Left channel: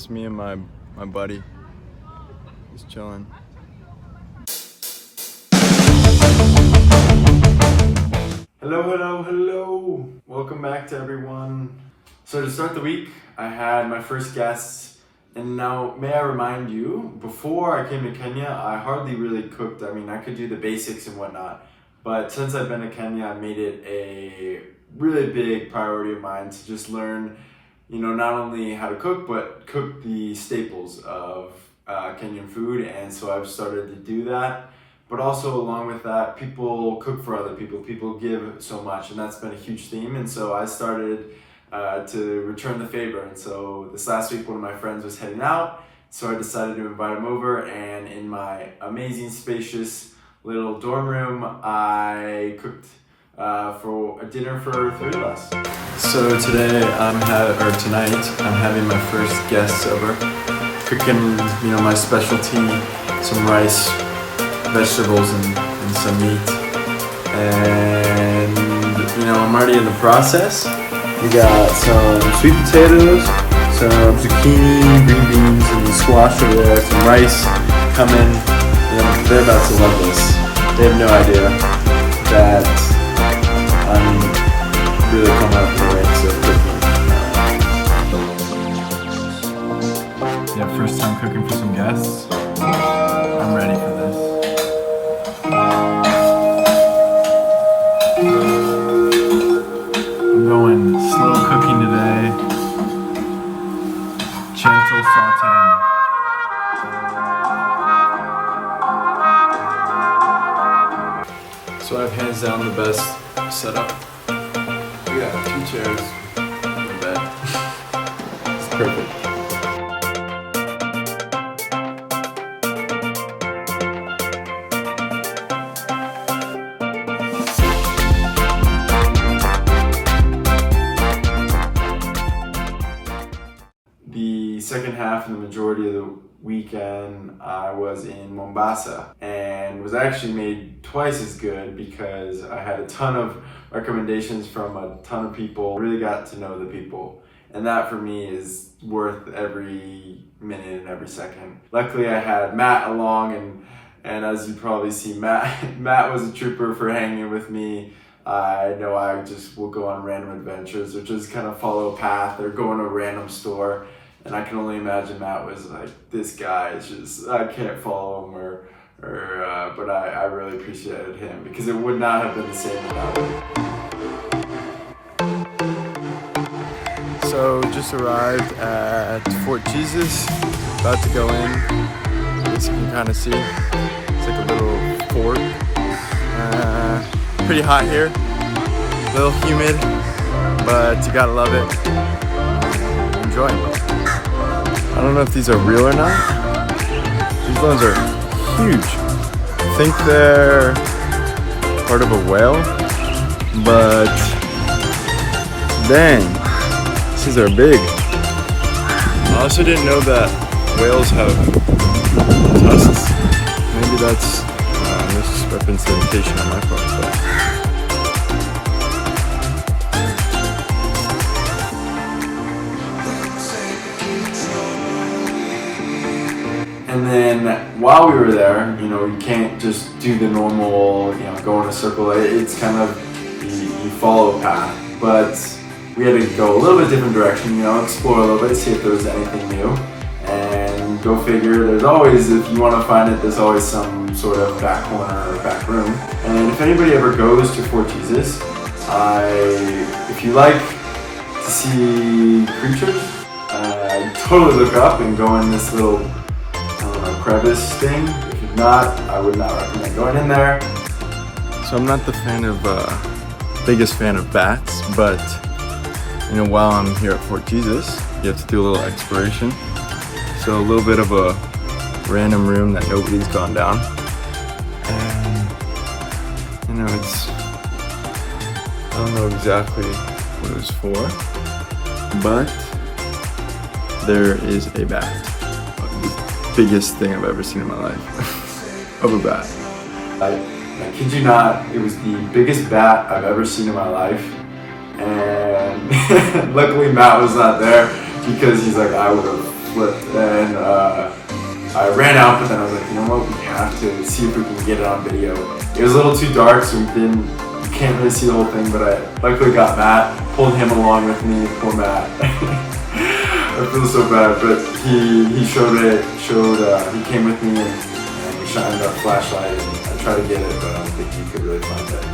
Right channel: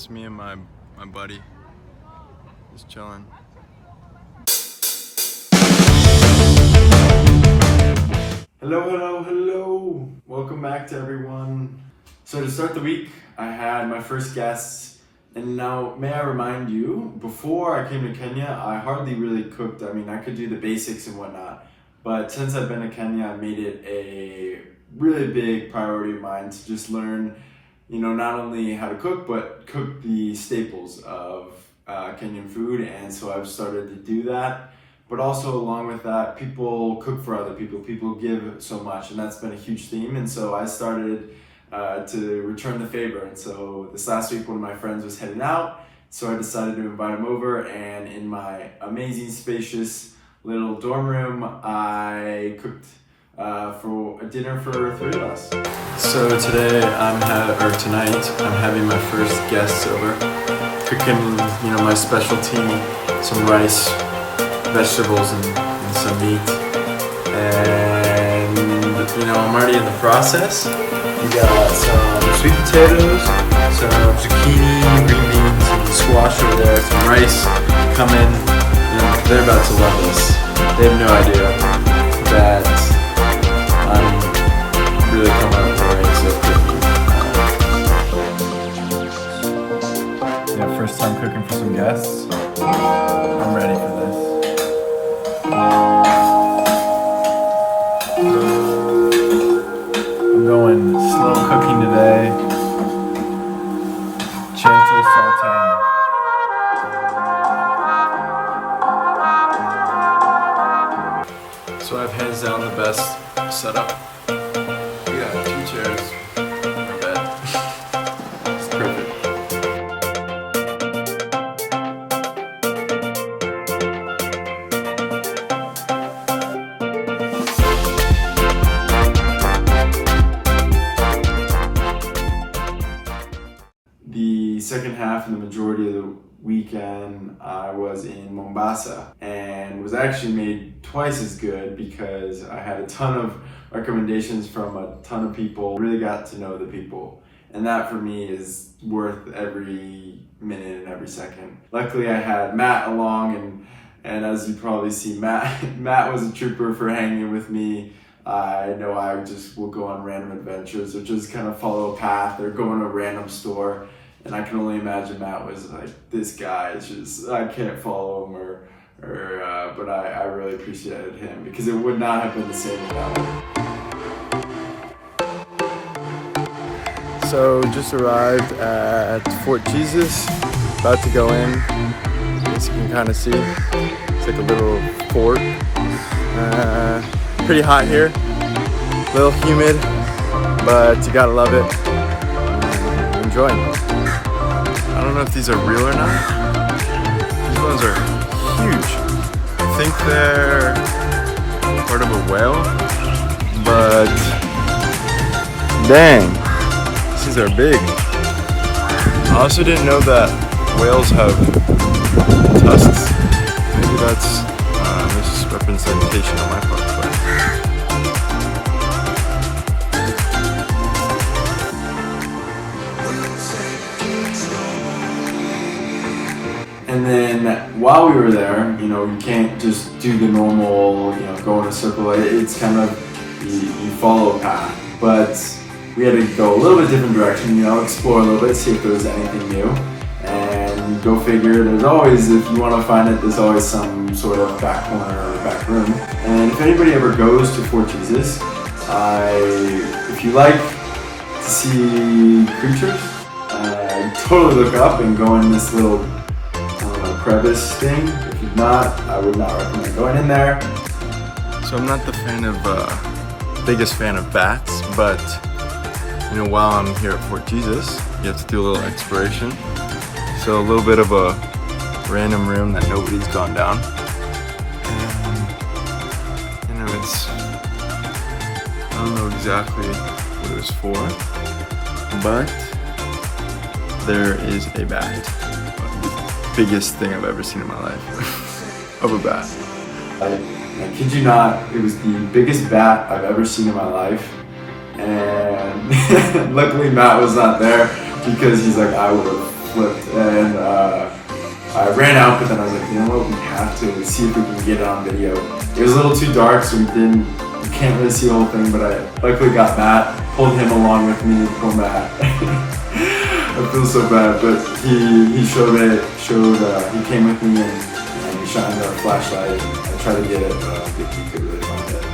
Just me and my buddy, just chilling. Hello. Welcome back to everyone. So to start the week, I had my first guests, and now may I remind you, before I came to Kenya, I hardly really cooked. I mean, I could do the basics and whatnot, but since I've been to Kenya, I made it a really big priority of mine to just learn, not only how to cook, but cook the staples of Kenyan food. And so I've started to do that. But also along with that, people cook for other people. People give so much, and that's been a huge theme. And so I started to return the favor. And so this last week, one of my friends was heading out. So I decided to invite him over, and in my amazing, spacious little dorm room, I cooked for a dinner for 3 of us. So tonight I'm having my first guests over, cooking my specialty, some rice, vegetables, and some meat. And I'm already in the process. We got some sweet potatoes, some zucchini, green beans, and squash over there, some rice coming. They're about to love this. They have no idea that I'm really coming up in the ranks of cooking. First time cooking for some guests. I'm ready for this. I'm going slow cooking today. Gentle sauteing. So I have hands down the best setup. We got 2 chairs and a bed. It's perfect. The second half and the majority of the weekend, I was in Mombasa, and was actually made twice as good because I had a ton of recommendations from a ton of people. Really got to know the people, and that for me is worth every minute and every second. Luckily I had Matt along, and as you probably see, Matt was a trooper for hanging with me. I know I just will go on random adventures or just kind of follow a path or go in a random store. And I can only imagine Matt was like, this guy is just, I can't follow him but I really appreciated him because it would not have been the same without him. So just arrived at Fort Jesus, about to go in. As you can kind of see, it's like a little fort. Pretty hot here, a little humid, but you gotta love it. Enjoy. I don't know if these are real or not. These ones are huge. I think they're part of a whale, but dang, these are big. I also didn't know that whales have tusks. Maybe that's misrepresentation on my part, but and then while we were there, you can't just do the normal, go in a circle. It's kind of, you follow a path. But we had to go a little bit different direction, explore a little bit, see if there was anything new. And go figure, there's always, if you want to find it, there's always some sort of back corner or back room. And if anybody ever goes to Fort Jesus, if you like to see creatures, totally look up and go in this little crevice thing. If you're not, I would not recommend going in there. So I'm not the biggest fan of bats, but while I'm here at Fort Jesus, you have to do a little exploration. So a little bit of a random room that nobody's gone down. And I don't know exactly what it was for, but there is a bat. Biggest thing I've ever seen in my life of a bat. I kid you not, it was the biggest bat I've ever seen in my life, and luckily Matt was not there because he's like, I would have flipped. And I ran out, but then I was like, you know what, we have to see if we can get it on video. It was a little too dark, so you can't really see the whole thing, but I luckily got Matt, pulled him along with me, poor Matt. I feel so bad, but he showed it, he came with me and we shined our flashlight and I tried to get it, but I don't think he could really find it.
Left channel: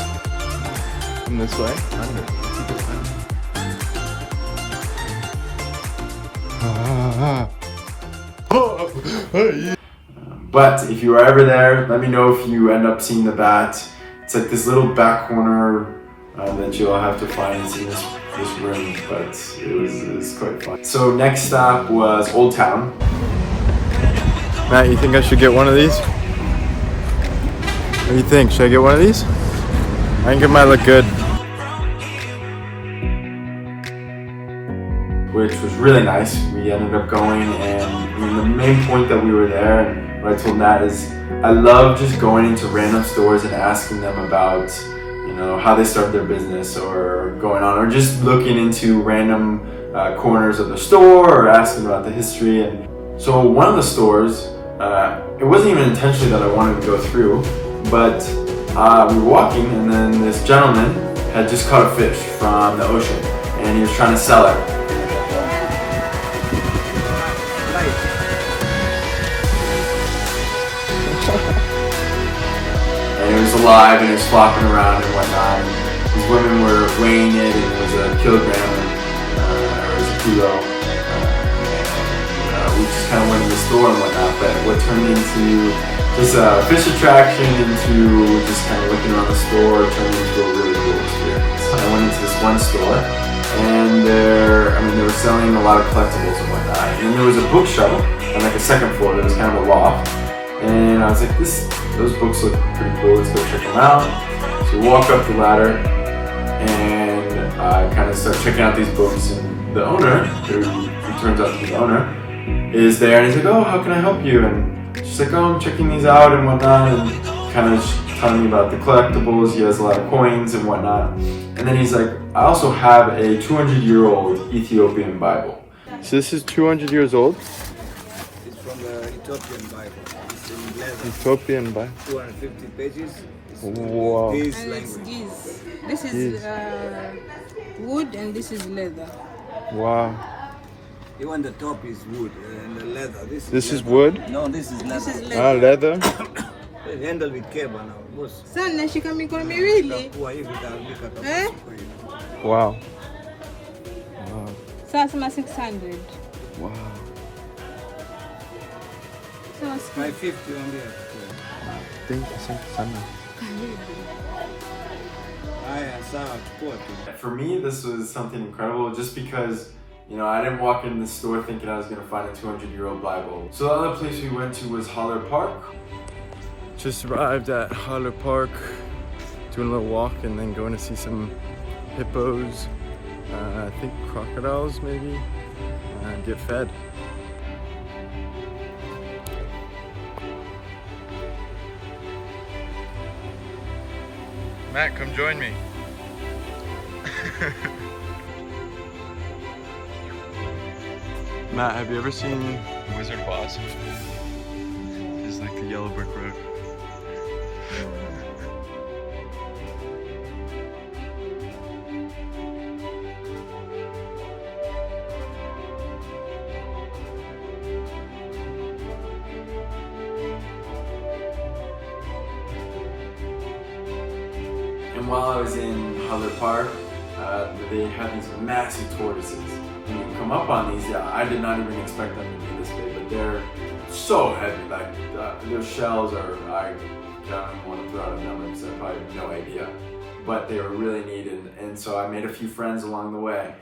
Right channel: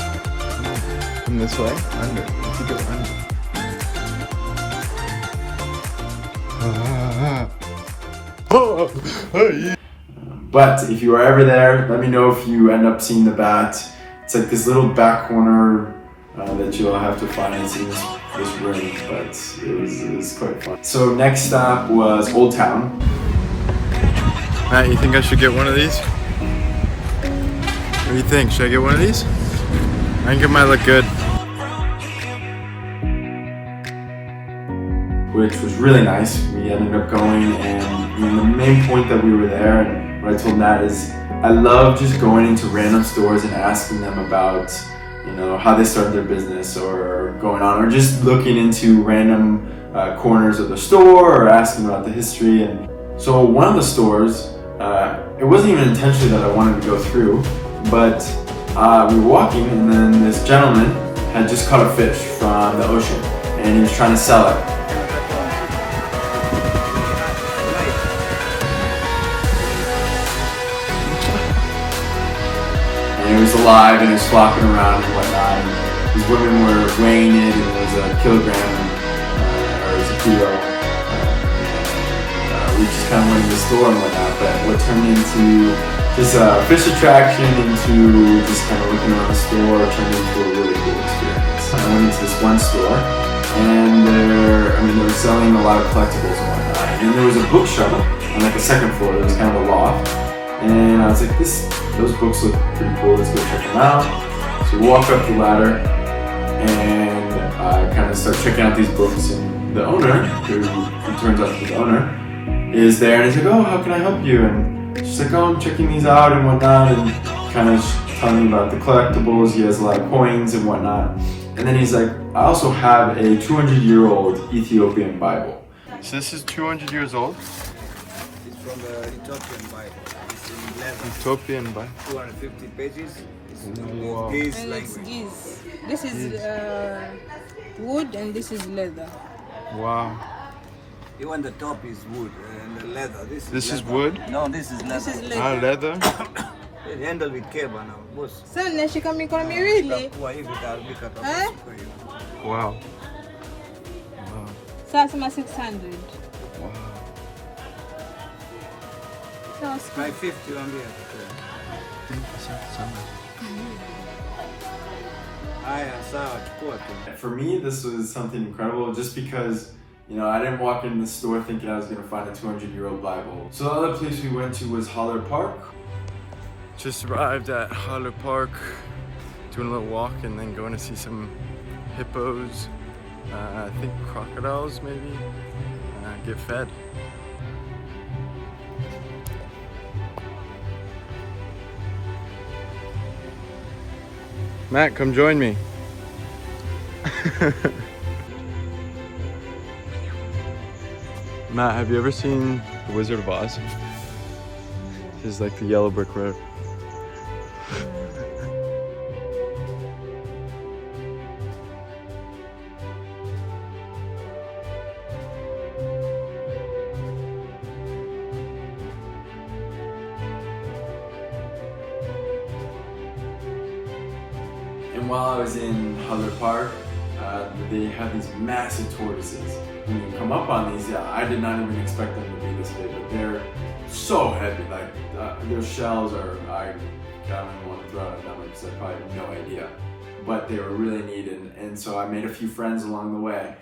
And this way? Under. But if you are ever there, let me know if you end up seeing the bat. It's like this little back corner that you'll have to find in this room, but it was quite fun. So next stop was Old Town. Matt, you think I should get one of these? What do you think? Should I get one of these? I think it might look good. Which was really nice. We ended up going, and I mean, the main point that we were there, and what I told Matt is, I love just going into random stores and asking them about, you know, how they started their business or going on, or just looking into random corners of the store or asking about the history. And so one of the stores, it wasn't even intentionally that I wanted to go through, but we were walking, and then this gentleman had just caught a fish from the ocean, and he was trying to sell it. And it was alive and it was flopping around and whatnot. And these women were weighing it, and it was a kilogram, or it was a kilo. We just kind of went in the store and whatnot, but what turned into just a fish attraction into just kind of looking around the store turned into a really cool experience. I went into this one store, and they were selling a lot of collectibles and whatnot. And there was a bookshelf on like a second floor. There was kind of a loft. And I was like, those books look pretty cool, let's go check them out. So we walk up the ladder, and I kind of start checking out these books, and the owner, who turns out to be the owner, is there, and he's like, oh, how can I help you? And she's like, oh, I'm checking these out and whatnot, and kind of telling me about the collectibles. He has a lot of coins and whatnot. And then he's like, I also have a 200-year-old Ethiopian Bible. So this is 200 years old? It's Ethiopian Bible. It's in leather. Ethiopian Bible. 250 pages. Wow. This And it's language. geese. This is wood and this is leather. Wow. Even the top is wood and the leather. This is leather. wood? No, this is leather. This is Ah, leather. leather? Handle with cable now. Boss. Sana nashika mikono miwili. Kwa hivi utaandika. Eh? Wow. Wow. Sasa ma 600. Wow. Sawa. 550 waambie. Asante sana. Haya, sawa, chukua tu. For me, this was something incredible just because, you know, I didn't walk in the store thinking I was going to find a 200-year-old Bible. So the other place we went to was Holler Park. Just arrived at Holler Park, doing a little walk and then going to see some hippos, I think crocodiles maybe, get fed. Matt, come join me. Matt, have you ever seen The Wizard of Oz? This is like the yellow brick road. And while I was in Holler Park, they had these massive tortoises. When you come up on these, I did not even expect them to be this big, but they're so heavy. Like their shells are, I don't even want to throw out a number because I probably have no idea. But they were really neat, and so I made a few friends along the way.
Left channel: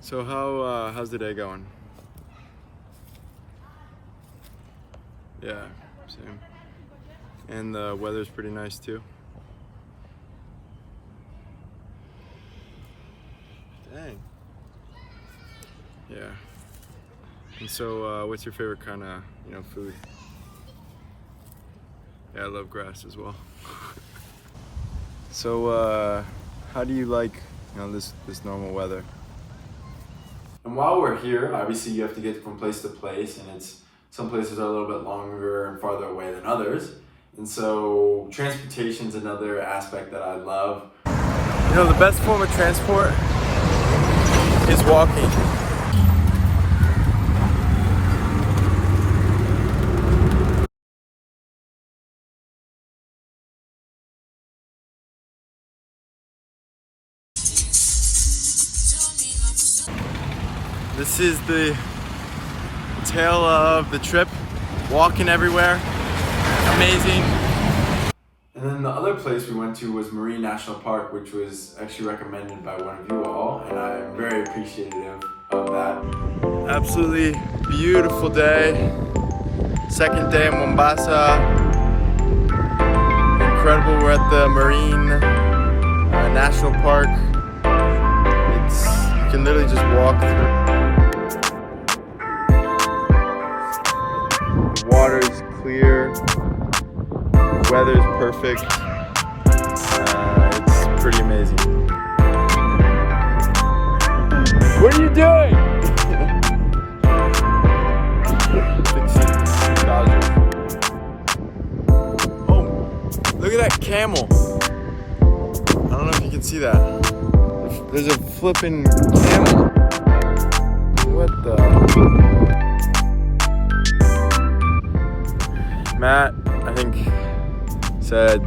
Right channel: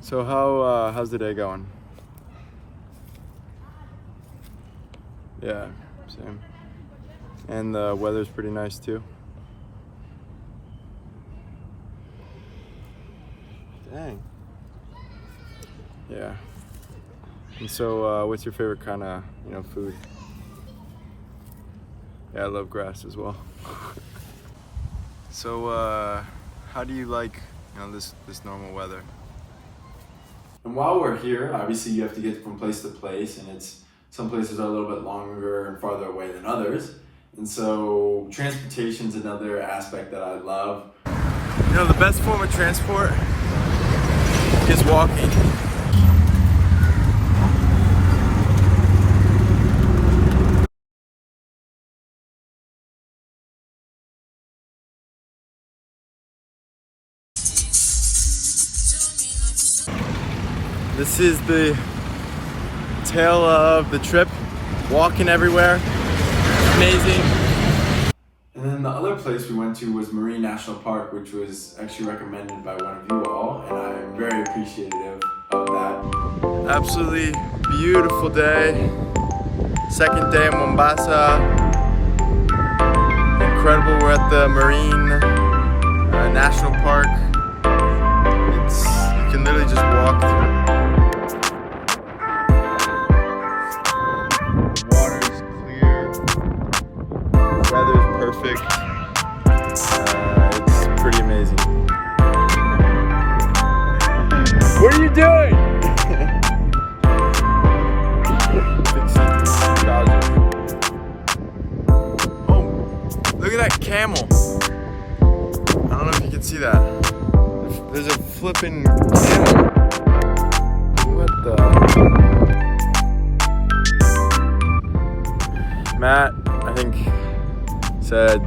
So how's the day going? Yeah, same. And the weather's pretty nice too. Dang. Yeah. And so what's your favorite kind of, food? Yeah, I love grass as well. So how do you like, this normal weather? And while we're here, obviously you have to get from place to place, and some places are a little bit longer and farther away than others. And so transportation's another aspect that I love. You know, the best form of transport is walking. This is the tale of the trip, walking everywhere, amazing. And then the other place we went to was Marine National Park, which was actually recommended by one of you all, and I am very appreciative of that. Absolutely beautiful day. Second day in Mombasa. Incredible, we're at the Marine National Park. You can literally just walk through. The water is clear. The weather is perfect. It's pretty amazing. What are you doing? Oh, look at that camel. I don't know if you can see that. There's a flipping camel. What the? Matt, I think, said,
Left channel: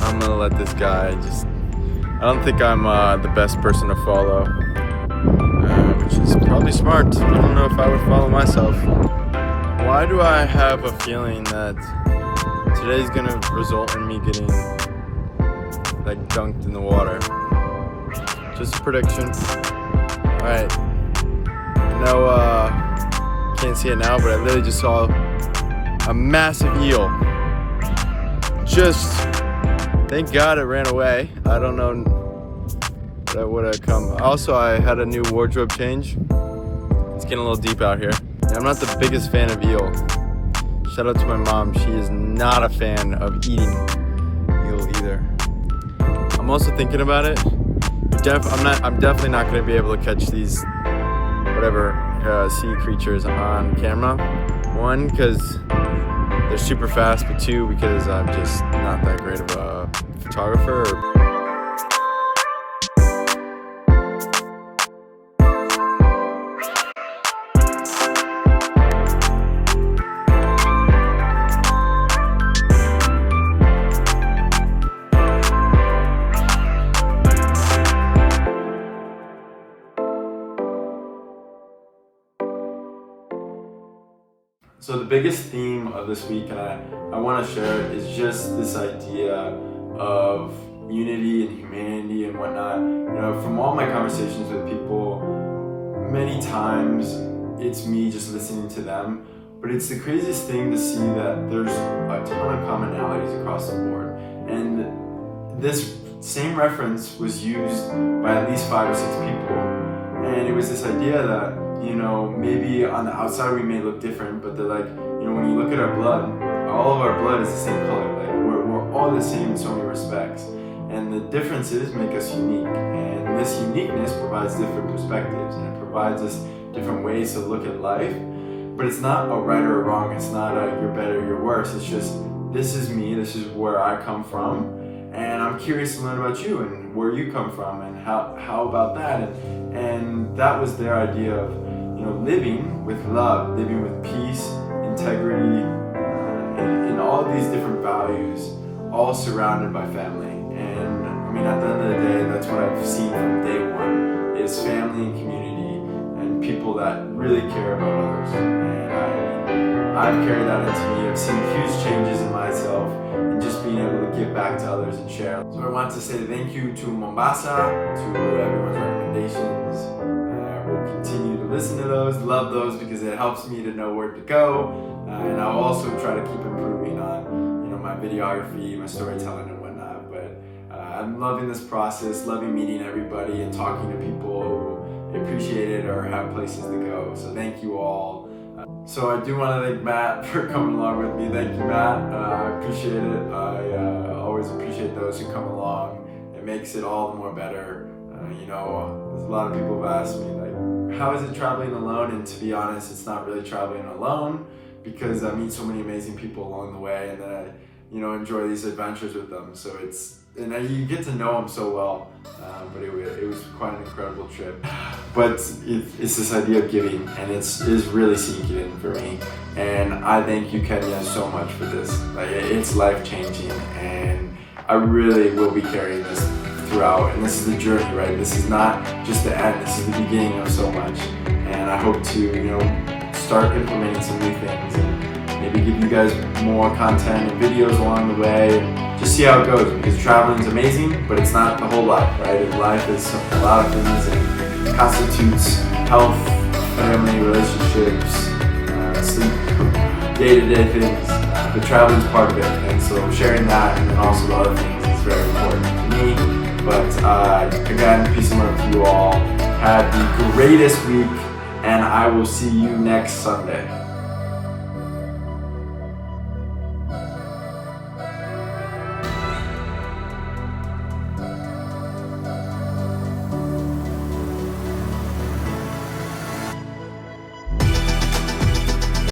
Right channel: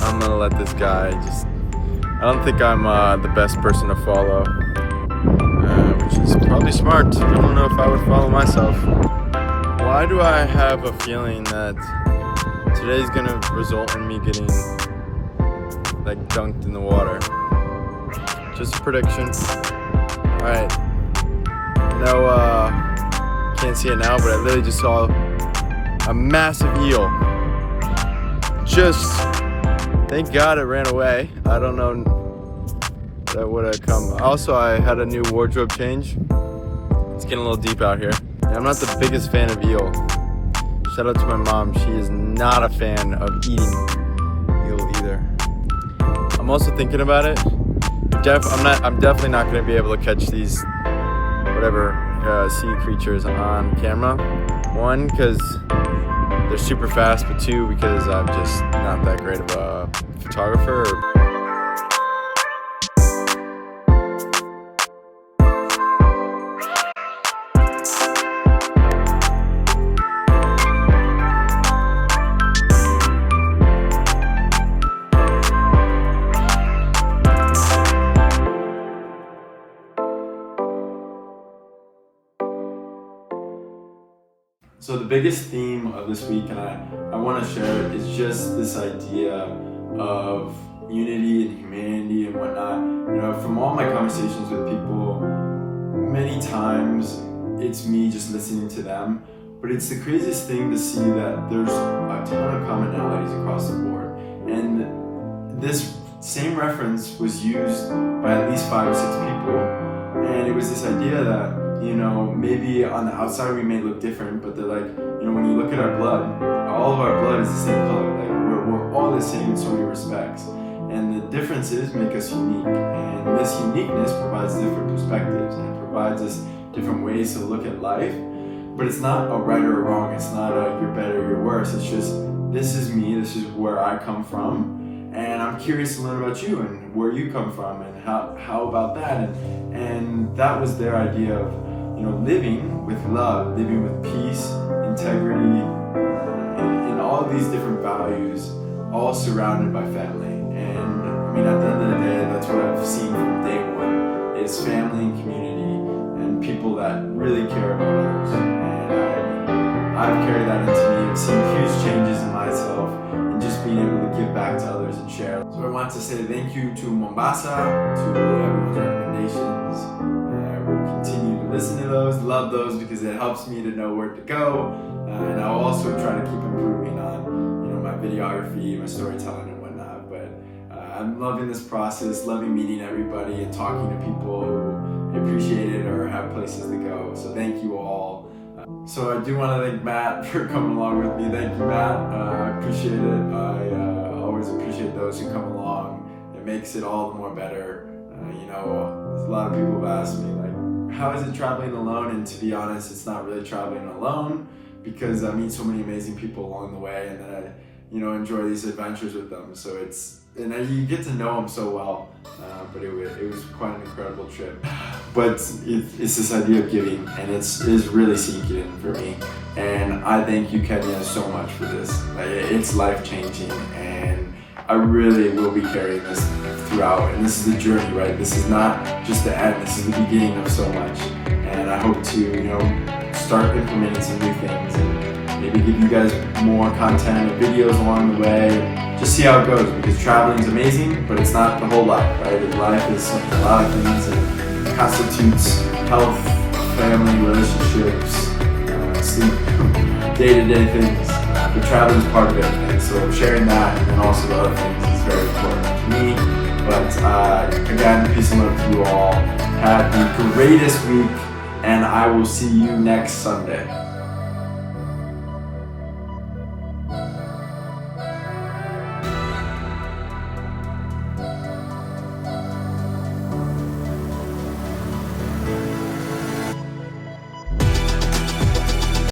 I'm gonna let this guy I don't think I'm the best person to follow. Which is probably smart. I don't know if I would follow myself. Why do I have a feeling that today's gonna result in me getting like dunked in the water? Just a prediction. Alright. No, can't see it now, but I literally just saw a massive eel. Thank God it ran away. I don't know that would have come. Also, I had a new wardrobe change. It's getting a little deep out here. I'm not the biggest fan of eel. Shout out to my mom. She is not a fan of eating eel either. I'm also thinking about it. I'm definitely not going to be able to catch these sea creatures on camera. One, because they're super fast, but two, because I'm just not that great of a photographer. So the biggest theme of this week, and I want to share it, is just this idea of unity and humanity and whatnot. You know, from all my conversations with people, many times it's me just listening to them, but it's the craziest thing to see that there's a ton of commonalities across the board. And this same reference was used by at least 5 or 6 people, and it was this idea that, you know, maybe on the outside we may look different, but they're like, you know, when you look at our blood, all of our blood is the same color. Like we're all the same in so many respects, and the differences make us unique. And this uniqueness provides different perspectives, and it provides us different ways to look at life. But it's not a right or a wrong. It's not a you're better, you're worse. It's just, this is me. This is where I come from, and I'm curious to learn about you and where you come from, and how about that. And that was their idea of, you know, living with love, living with peace, integrity, and all of these different values, all surrounded by family. And I mean, at the end of the day, that's what I've seen from day one, is family and community, and people that really care about others. And I've carried that into me. I've seen huge changes in myself, and just being able to give back to others and share. So I want to say thank you to Mombasa, to everyone's recommendations. We'll continue to listen to those, love those, because it helps me to know where to go. And I'll also try to keep improving on, you know, my videography, my storytelling and whatnot. But I'm loving this process, loving meeting everybody and talking to people who appreciate it or have places to go. So thank you all. So I do want to thank Matt for coming along with me. Thank you, Matt. I appreciate it. I always appreciate those who come along. It makes it all the more better. You know, there's a lot of people who've asked me, like, how is it traveling alone? And to be honest, it's not really traveling alone, because I meet so many amazing people along the way, and then I, you know, enjoy these adventures with them. So you get to know them so well. But it was quite an incredible trip. But it's this idea of giving, and it is really sinking in for me. And I thank you, Kenya, so much for this. Like, it's life-changing, and I really will be carrying this throughout. And this is the journey, right? This is not just the end. This is the beginning of so much. And I hope to, you know, start implementing some new things, and maybe give you guys more content and videos along the way, and just see how it goes, because traveling is amazing, but it's not the whole life, right? Life is a lot of things, and it constitutes health, family, relationships, sleep, day-to-day things, but traveling is part of it, and so sharing that and also the other things is very important to me. But again, peace and love to you all. Have the greatest week, and I will see you next Sunday.